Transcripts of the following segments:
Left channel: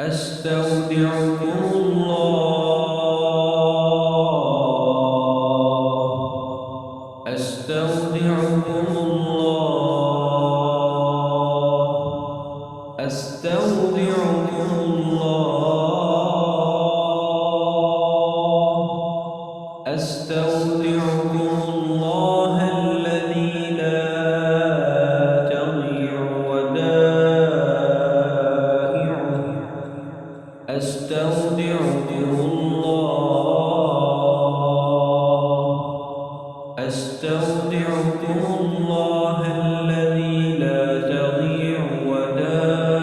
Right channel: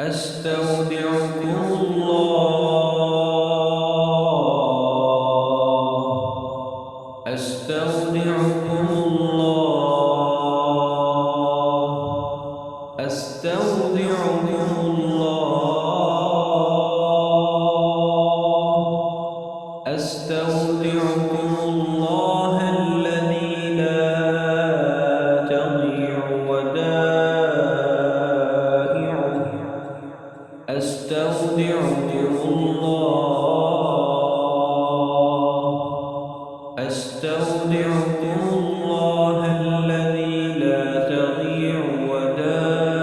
أستودعكم الله أستودعكم الله أستودعكم الله أستودعكم الله الذي لا تضيع ودائعه أستودعكم الله أستودعكم الله الذي لا تضيع ودائعه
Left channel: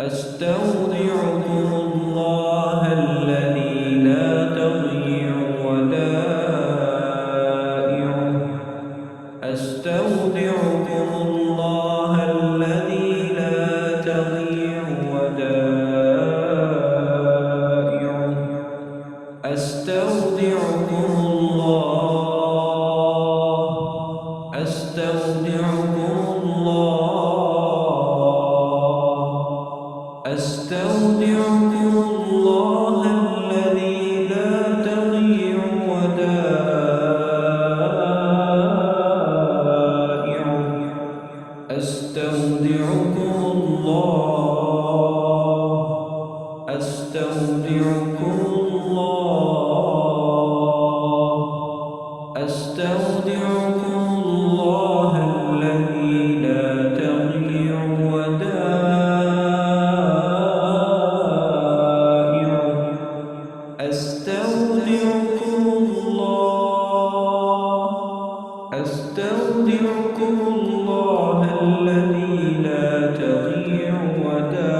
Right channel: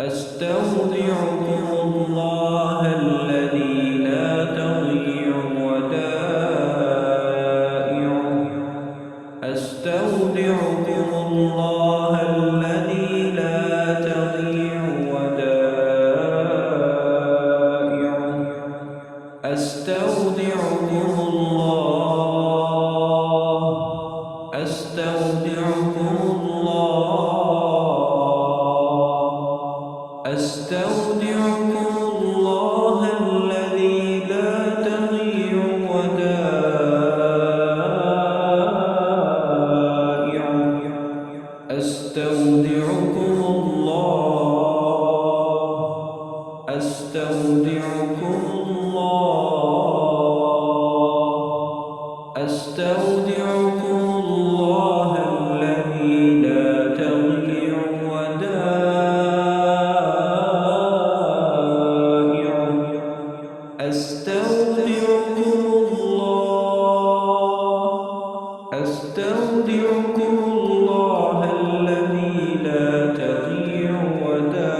أستودعكم الله الذي لا تضيع ودائعه أستودعكم الله الذي لا تضيع ودائعه أستودعكم الله أستودعكم الله أستودعكم الله الذي لا تضيع ودائعه أستودعكم الله أستودعكم الله أستودعكم الله الذي لا تضيع ودائعه أستودعكم الله أستودعكم الله الذي لا تضيع ودائعه